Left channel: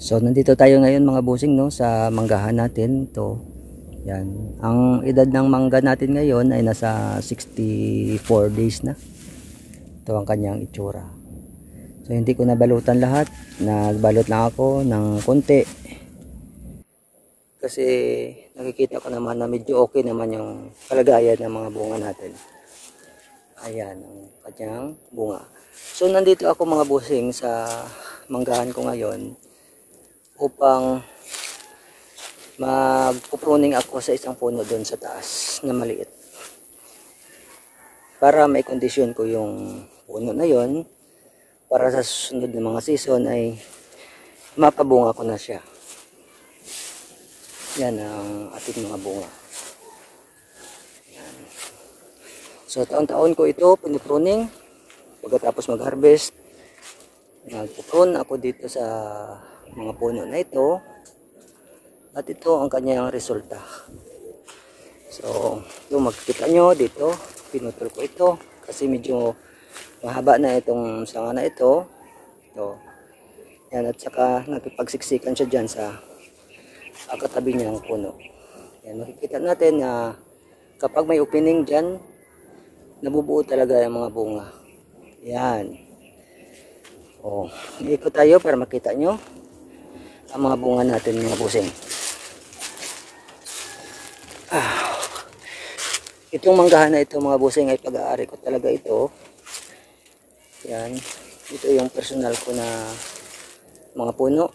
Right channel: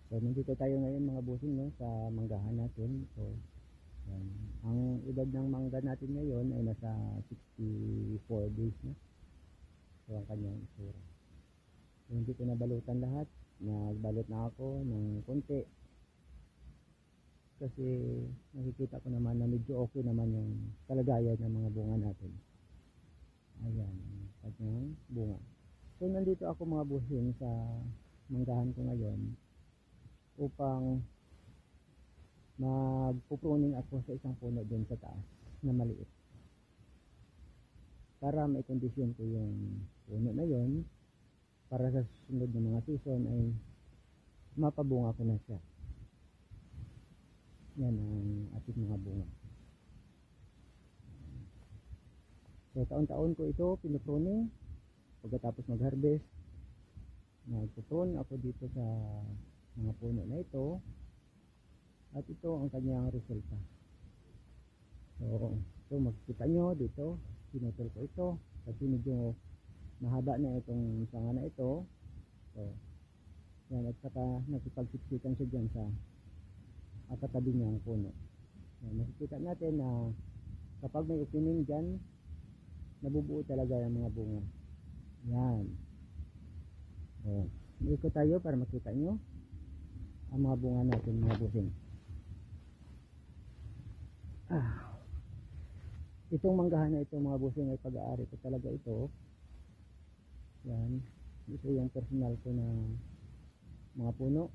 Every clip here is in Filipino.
So nandito tayo ngayon mga busing, no, sa manggahan natin. Ito, yan. Ang edad ng mangga natin ngayon ay nasa 64 days na. Ito ang kanyang itsura. So hindi ko nabalutan lahat. Nagbalot lang ako ng konti. Kasi nakikita ko naman na medyo okay naman yung kalagayan ng mga bunga natin. Ayan ang kanyang bunga. So nandito ako mga busing sa manggahan ko ngayon upang magpupruning ako sa isang puno doon sa taas na maliit para may kondisyon ko yung puno na yon para sa susunod na mga season ay mapabunga ko na siya. Yan ang ating mga bunga. Yan. So taon-taon ko ito pinupruning. Pagkatapos mag-harvest, nagpuprune ako dito sa mga puno na ito. At ito ang kanyang resulta. So, ito makikita nyo dito, pinutol ko ito kasi medyo mahaba na itong sanga na ito. Ito. Yan, at saka nakipagsiksikan siya dyan sa katabi niya ng puno. Yan, makikita natin na kapag may opening dyan, nabubuo talaga yung mga bunga. Yan. O, ikot tayo para makita nyo ang mga bunga natin mga busing. Itong manggahan na ito mga busing ay pag-aari ko talaga ito. Yan. Ito yung personal ko na mga puno.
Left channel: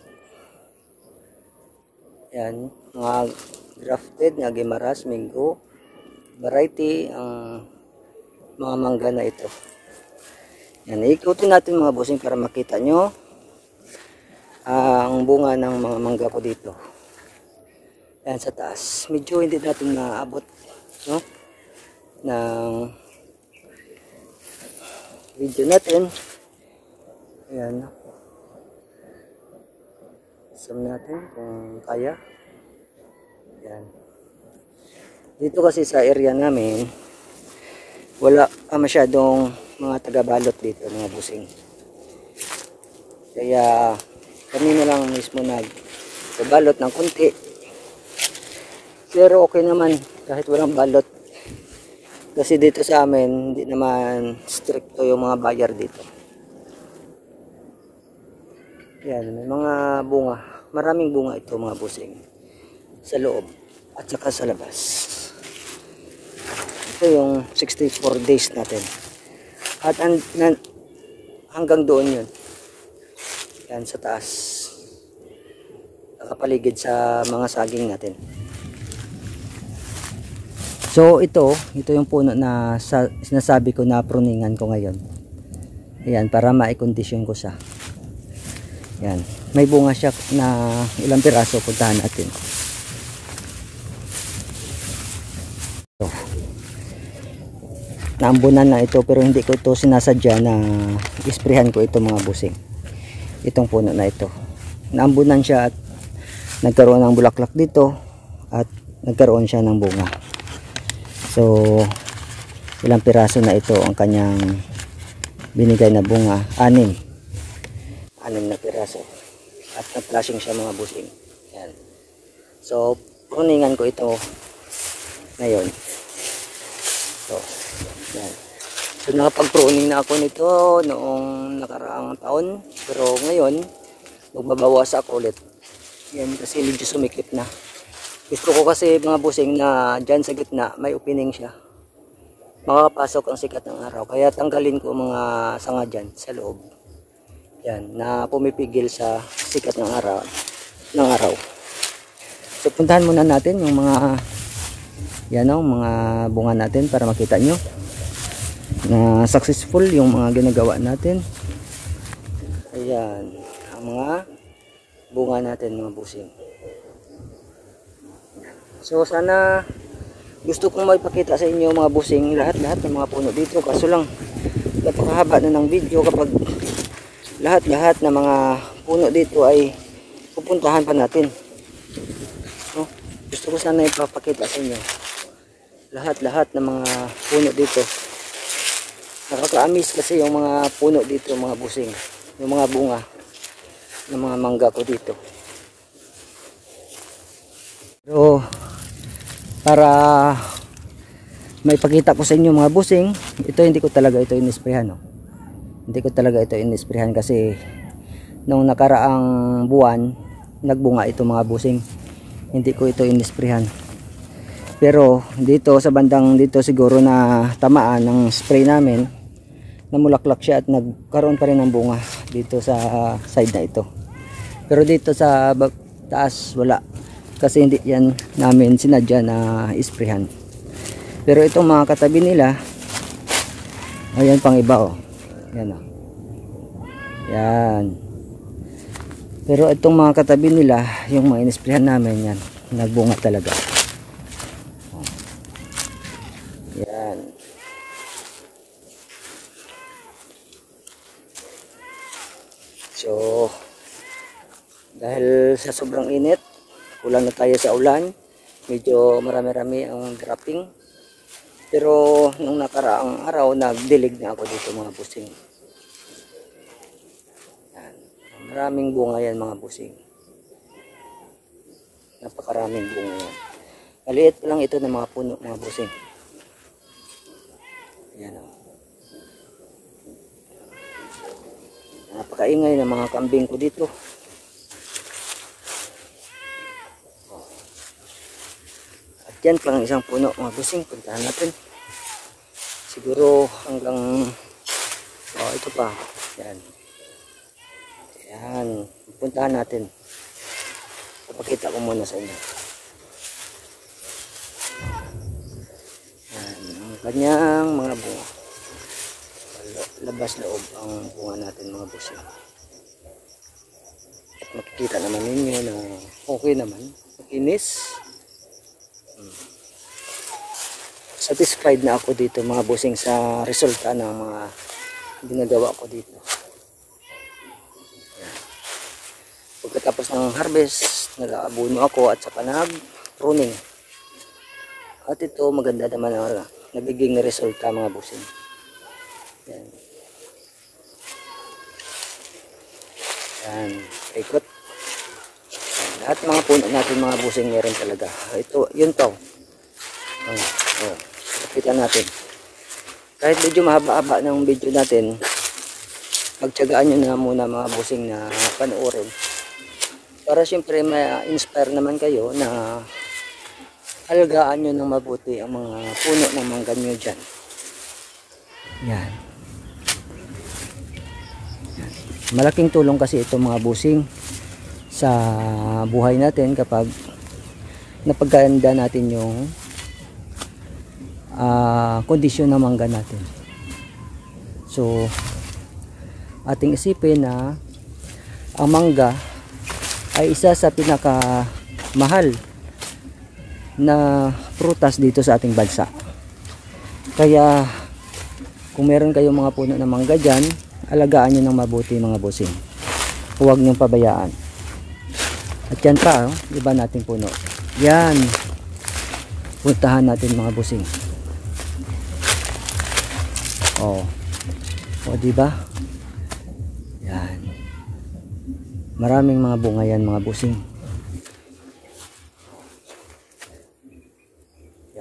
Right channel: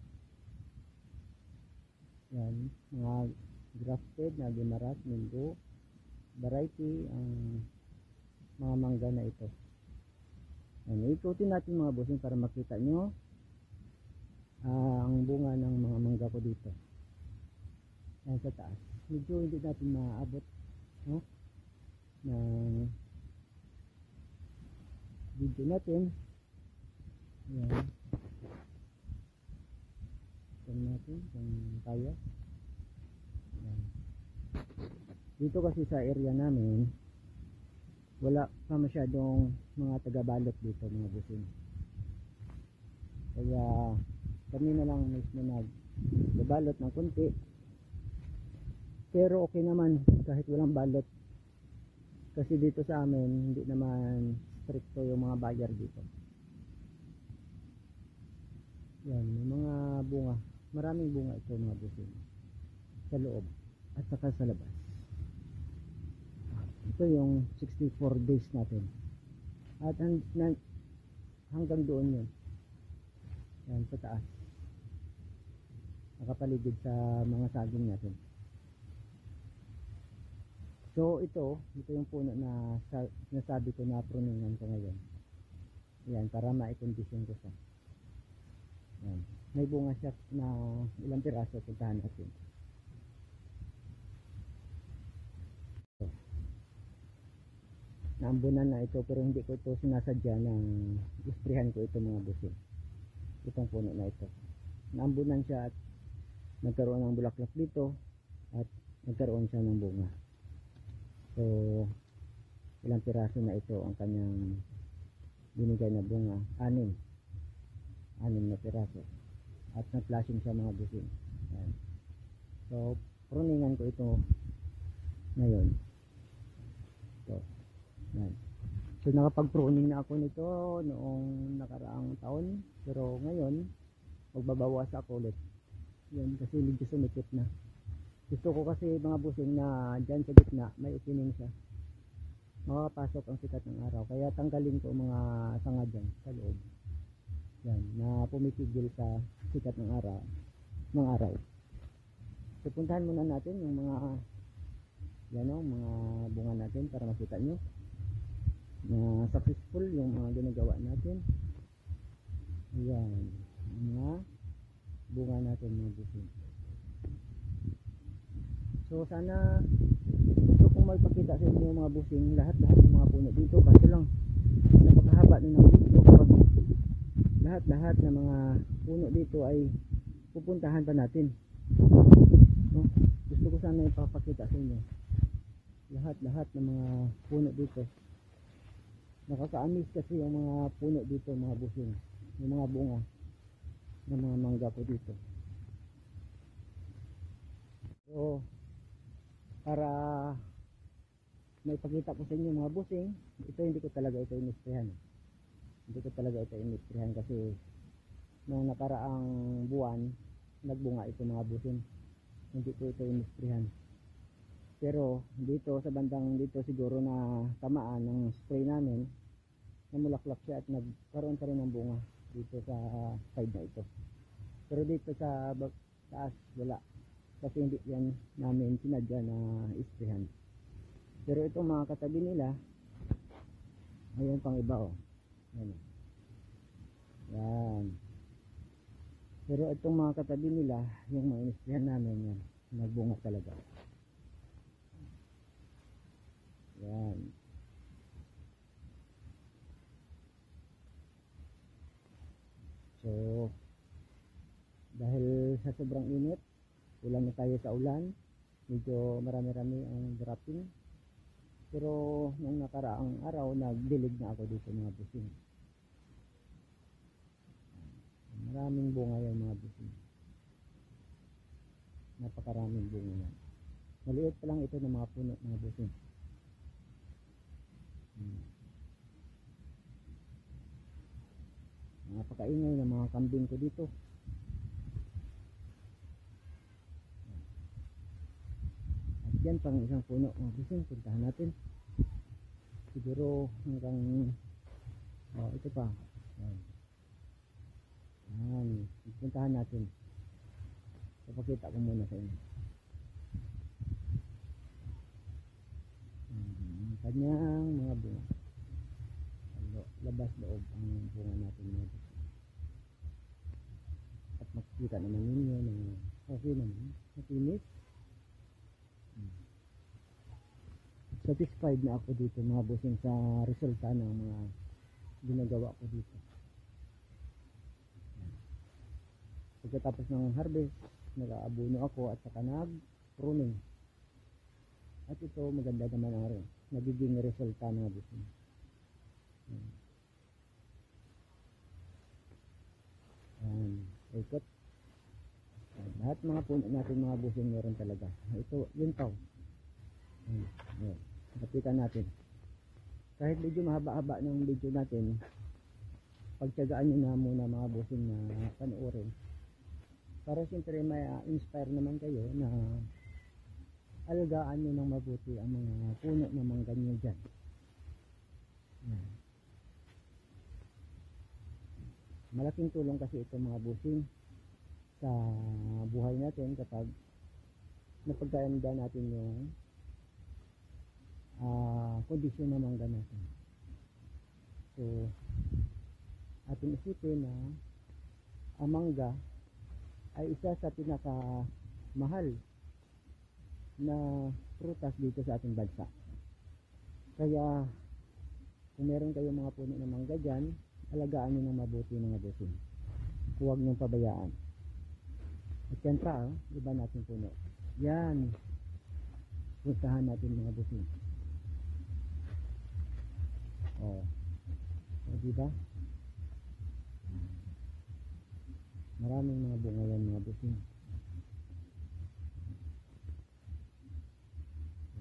Yan. Mga grafted na Guimaras, Mingo, variety ang mga mangga na ito. Yan. Ikutin natin mga busing para makita nyo ang bunga ng mga mangga ko dito. Yan sa taas. Medyo hindi natin maabot, no, ng video natin. Ayan. Zoom natin kung kaya. Yan. Dito kasi sa area namin wala pa masyadong mga taga-balot dito mga busing. Kaya kami na lang mismo nag-balot ng konti. Pero okay naman kahit walang balot. Kasi dito sa amin hindi naman stricto yung mga buyer dito. Yan, may mga bunga. Maraming bunga ito mga busing. Sa loob at saka sa labas. Ito yung 64 days natin. At hanggang doon yun. Yan sa taas. Nakapaligid sa mga saging natin. So ito yung puno na sinasabi ko na pruningan ko ngayon. Ayan, para maikondisyon ko siya. Yan. May bunga siya na ilang piraso, puntahan natin. So, naambunan na ito pero hindi ko ito sinasadya na isprehan ko ito mga busing. Itong puno na ito. Naambunan siya at nagkaroon ng bulaklak dito at nagkaroon siya ng bunga. So, ilang piraso na ito ang kanyang binigay na bunga? 6 na piraso. At na-flashing siya mga busing. Yan. So, pruningan ko ito ngayon. So, yan. So, nakapag-pruning na ako nito noong nakaraang taon. Pero ngayon, magbabawas ako ulit. Yan, kasi medyo sumikip na. Gusto ko kasi mga busing na dyan sa gitna, may opening siya. Makakapasok ang sikat ng araw. Kaya tanggalin ko mga sanga dyan sa loob. Yan, na pumipigil sa sikat ng araw. So, puntahan muna natin yung mga yan o, mga bunga natin para makita nyo na successful yung mga ginagawa natin. Ayan, ang mga bunga natin mga busing. So sana gusto kong maipakita sa inyo mga busing lahat-lahat ng mga puno dito. Kaso lang napakahaba na ng video kapag lahat-lahat ng mga puno dito ay pupuntahan pa natin. No? Gusto ko sana ipapakita sa inyo lahat-lahat ng mga puno dito. Nakaka-amaze kasi yung mga puno dito mga busing, yung mga bunga. ng mga mangga ko dito. Pero para may pakita ko sa inyo mga busing, ito hindi ko talaga ito inisprehan, no? Hindi ko talaga ito inisprehan kasi nung nakaraang buwan nagbunga ito mga busing. Hindi ko ito inisprehan. Pero dito sa bandang dito siguro na tamaan ng spray namin, namulaklak siya at nagkaroon pa rin ng bunga dito sa side na ito. Pero dito sa taas wala, kasi hindi yan namin sinadya na isprehan. Pero itong mga katabi nila, ayan pang iba, oh. Yan, oh. Yan. Pero itong mga katabi nila, yung mga inisprehan namin, yan nagbunga talaga. Yan. So dahil sa sobrang init, kulang na tayo sa ulan, medyo marami-rami ang dropping. Pero nung nakaraang araw nagdilig na ako dito mga busing. Yan. Maraming bunga yan mga busing. Napakaraming bunga yan. Maliit lang ito ng mga puno mga busing. Yan, oh. Napakaingay ng mga kambing ko dito. At yan pang isang puno mga busing, puntahan natin. Siguro hanggang ito pa. Yan. Yan, puntahan natin. Papakita ko muna sa inyo. Yan, ang kanyang mga bunga. Labas loob ang bunga natin mga busing. At makikita naman ninyo na okay naman, makinis. Satisfied na ako dito mga busing sa resulta ng mga ginagawa ko dito. Yan. Pagkatapos ng harvest, nag-aabuno ako at saka nag-pruning. At ito maganda naman ang nagiging resulta mga busing. Yan. Yan, ikot. Yan. Lahat mga puno natin mga busing meron talaga. Ito, yun to. Oh, nakita natin. Kahit medyo mahaba-haba ng video natin, pagtiyagaan nyo na muna mga busing na panoorin. Para syempre ma-inspire naman kayo na alagaan nyo ng mabuti ang mga puno ng mangga nyo dyan. Yan. Malaking tulong kasi ito mga busing sa buhay natin kapag napaganda natin yung kondisyon ng mangga natin. So ating isipin na ang mangga ay isa sa pinaka mahal na prutas dito sa ating bansa. Kaya kung meron kayong mga puno ng mangga dyan, alagaan nyo ng mabuti mga busing. Huwag nyong pabayaan. At yan pa, iba nating puno. Yan. Puntahan natin mga busing. Oh. O diba? Yan. Maraming mga bunga yan mga busing.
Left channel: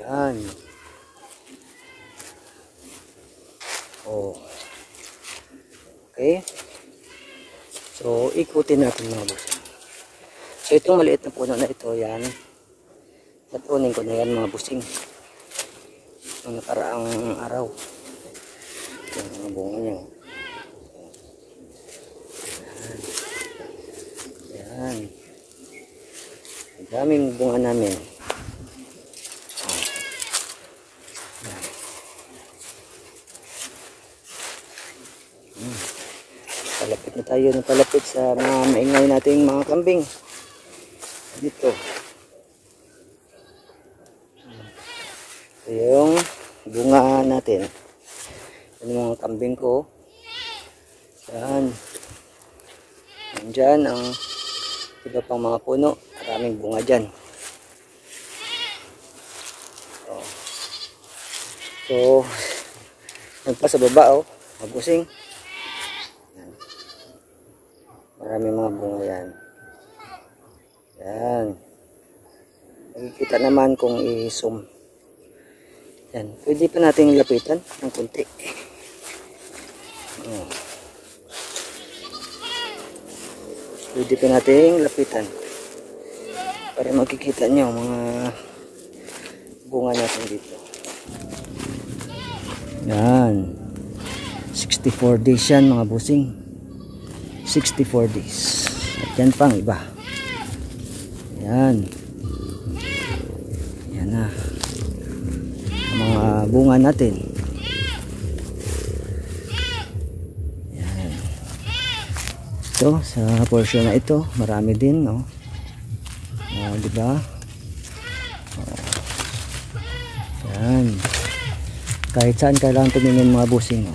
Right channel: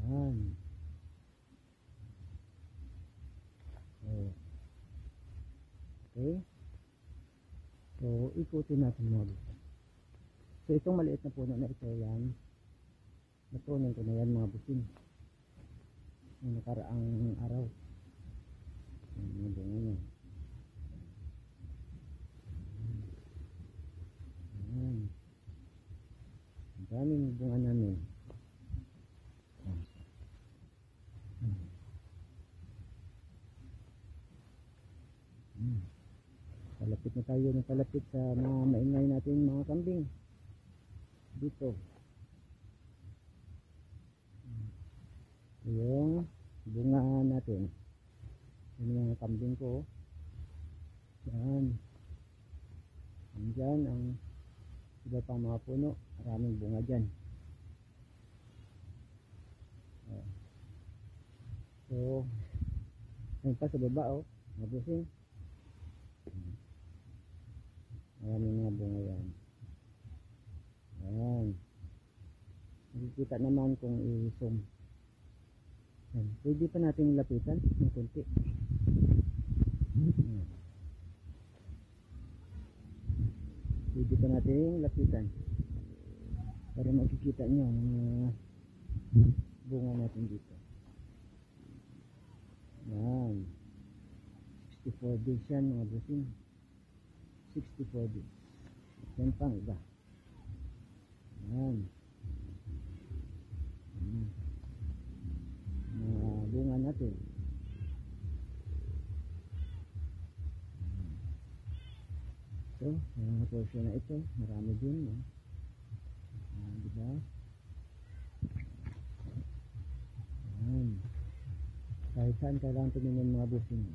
Yan. Oh. Okay. So, ikutin natin mga busing. So, itong maliit na puno na ito, yan. Napruning ko na yan mga busing. Noong nakaraang araw. Yung mga bunga niya. Yan. Ang daming bunga namin. Palapit na tayo ng palapit sa mga maingay nating mga kambing. Dito. Yung bunga natin. Yung mga kambing ko. Yan. Nandyan ang iba pang mga puno. Maraming bunga dyan. Oh. So, nagpa sa baba, oh. Mabusing. Marami mga bunga yan. Yan. Nakikita naman kung i-zoom. Yan. Pwede pa nating lapitan ng konti. Oh. Pwede pa nating lapitan. Para makikita nyo mga bunga natin dito. Yan. 64 days yan mga busing. 64 days. At yan pang iba. Yan. Yan na. Ang mga bunga natin. Yan. Ito, sa portion na ito, marami din, no? Diba? Yan. Kahit saan kailangan tumingin mga busing, no?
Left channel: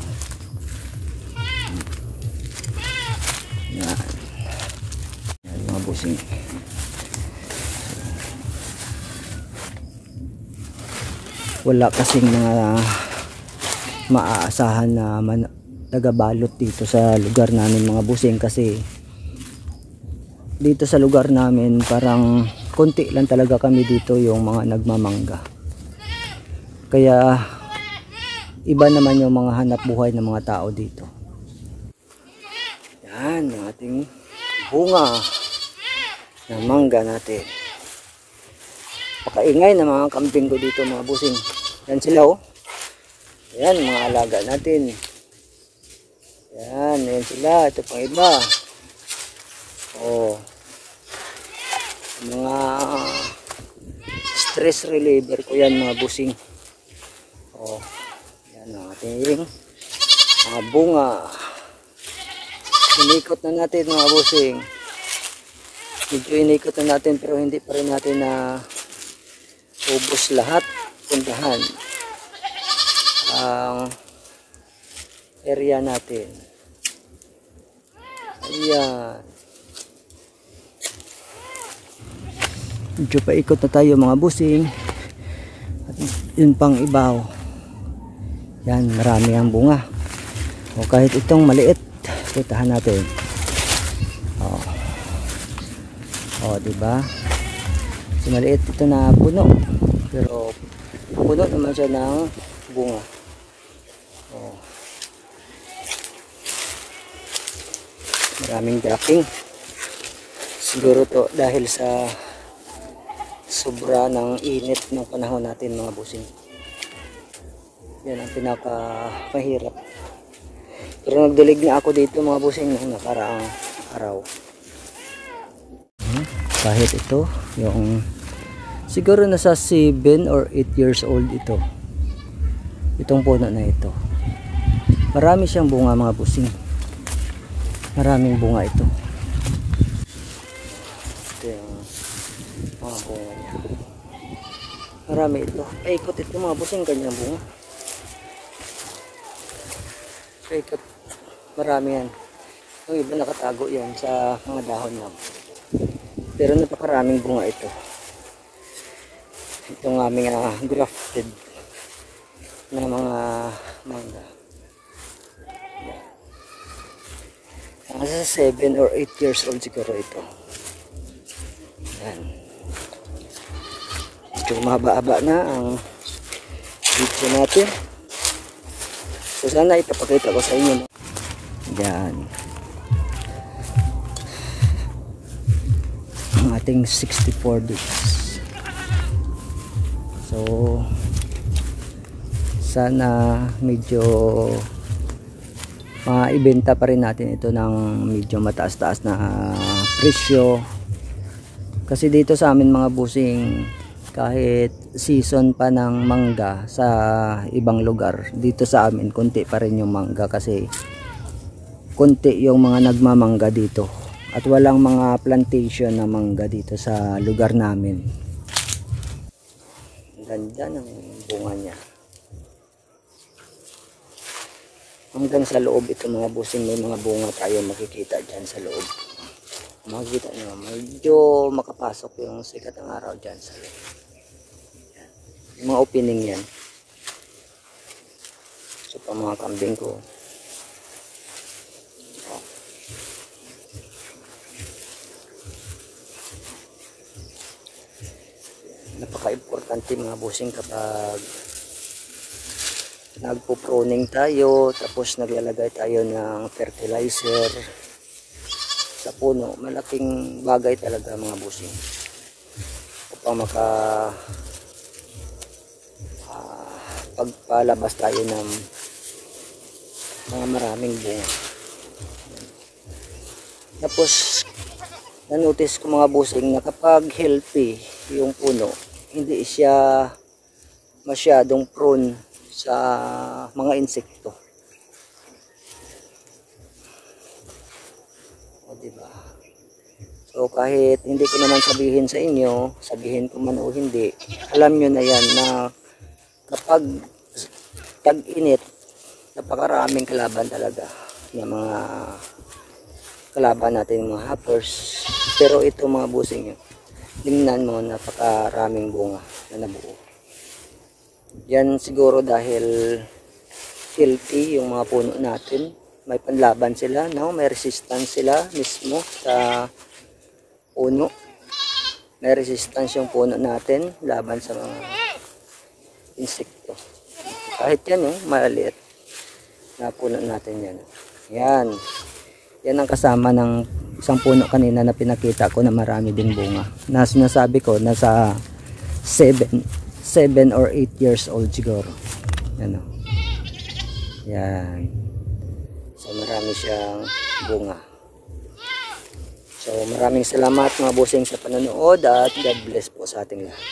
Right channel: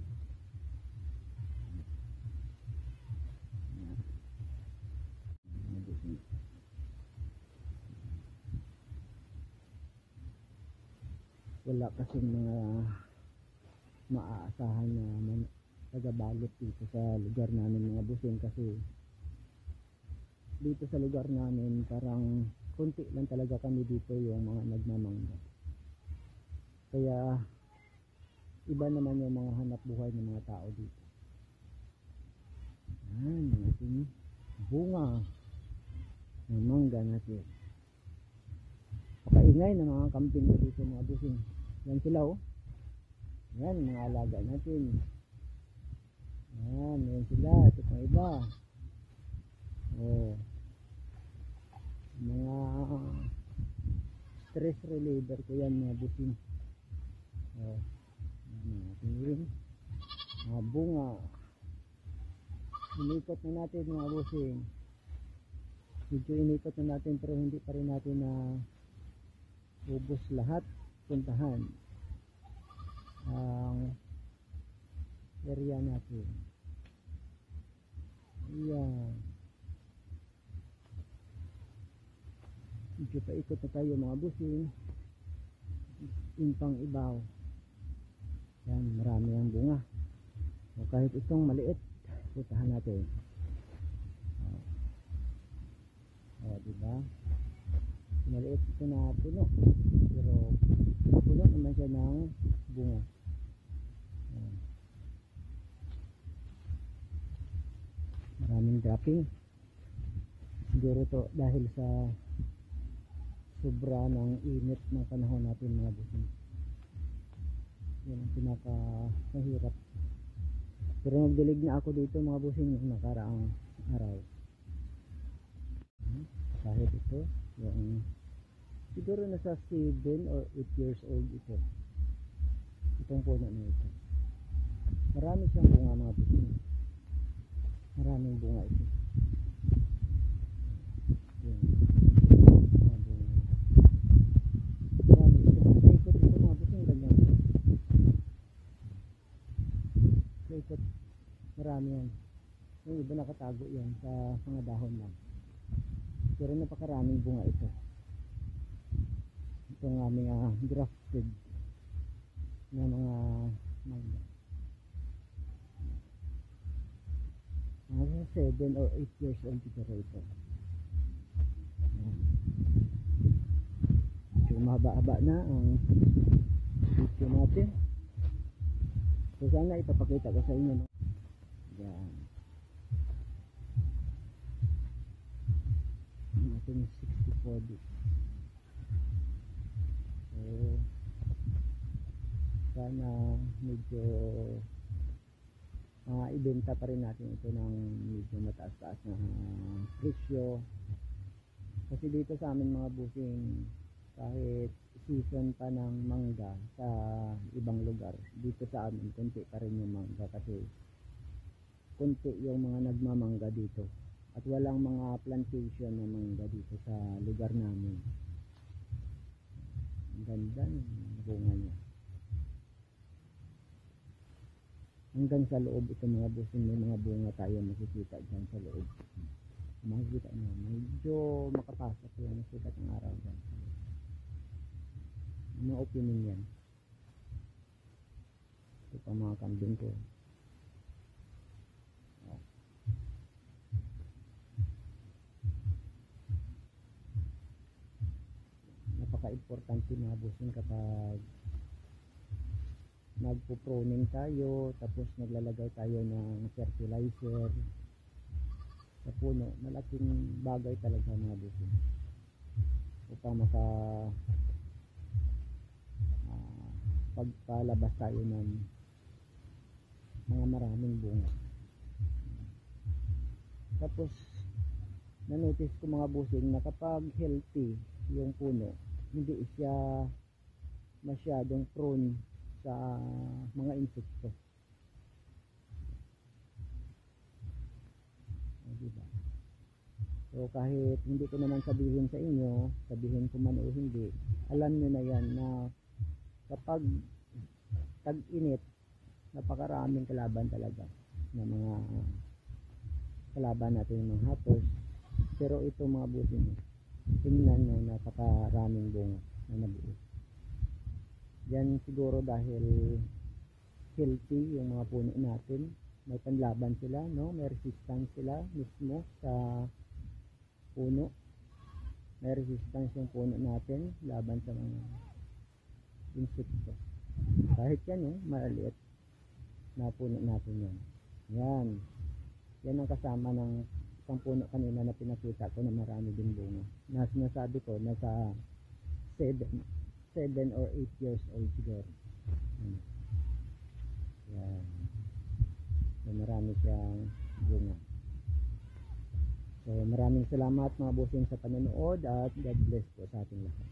Yan. Yan mga busing. Wala kasing mga maaasahan na tagabalot dito sa lugar namin mga busing, kasi dito sa lugar namin parang konti lang talaga kami dito yung mga nagmamangga, kaya iba naman yung mga hanap buhay ng mga tao dito. Yan yung ating bunga ng mangga natin. Pakaingay na mga kambing ko dito mga busing. Yan sila, oh. Yan mga alaga natin. Yan sila. Ito pang iba. Oh. Mga stress reliever ko yan mga busing. Oh. Yan ang ating mga bunga. Inikot na natin mga busing. Medyo inikot na natin pero hindi pa rin natin na ubos lahat. Puntahan ang area natin. Ayan. Medyo paikot na tayo mga busing. At yun pang ibaw. Yan, marami ang bunga. O kahit itong maliit, puntahan natin. O diba? So, maliit ito na puno. Pero puno naman siya ng bunga. Oh. Maraming dropping. Siguro to dahil sa sobra ng init ng panahon natin mga busing. Yan ang pinaka-mahirap. Pero nagdilig na ako dito mga busing nung nakaraang araw. Kahit ito yung siguro nasa 7 or 8 years old ito. Itong puno na ito. Marami siyang bunga mga busing. Maraming bunga ito. Ito yung mga bunga niya. Marami ito. Paikot ito mga busing, ganyang bunga. Paikot. Marami yan. Yung iba nakatago yan sa mga dahon lang. Pero napakaraming bunga ito. Itong aming grafted na mga mangga. Nasa 7 or 8 years old siguro ito. Yan. Medyo mahaba-haba na ang video natin. So sana ipapakita ko sa inyo. Yan. Ang ating 64 days. So sana medyo maibenta pa rin natin ito ng medyo mataas-taas na presyo, kasi dito sa amin mga busing, kahit season pa ng mangga sa ibang lugar, dito sa amin konti pa rin yung mangga kasi konti yung mga nagmamangga dito at walang mga plantation na mangga dito sa lugar namin. Ganda ng bunga niya. Hanggang sa loob ito mga busing, may mga bunga tayo makikita dyan sa loob. Makikita nyo, medyo makapasok yung sikat ng araw dyan sa loob. Yan. Yung mga opening yan. So pa mga kambing ko. Oh. napaka-importante mga bossing kapag nagpo-pruning tayo, tapos naglalagay tayo ng fertilizer sa puno. Malaking bagay talaga mga bossing upang pagpalabas tayo ng mga maraming bunga. Tapos na-notice ko mga bossing na kapag healthy yung puno, hindi siya masyadong prone sa mga insekto. O diba? So kahit hindi ko naman sabihin sa inyo, sabihin ko man o hindi, alam nyo na yan na kapag tag-init, napakaraming kalaban talaga ng mga kalaban natin, mga hoppers. Pero ito mga bossing nyo, tingnan mo, napakaraming bunga na nabuo. Yan siguro dahil healthy yung mga puno natin. May panlaban sila, no? May resistance sila mismo sa puno. May resistance yung puno natin laban sa mga insekto. Kahit yan, maliit na puno natin yan. Yan. Yan ang kasama ng isang puno kanina na pinakita ko na marami ding bunga. Na sinasabi ko, nasa 7 or 8 years old siguro. Ano? Yan. So marami siyang bunga. So maraming salamat mga bossing sa panonood at God bless po sa ating lahat.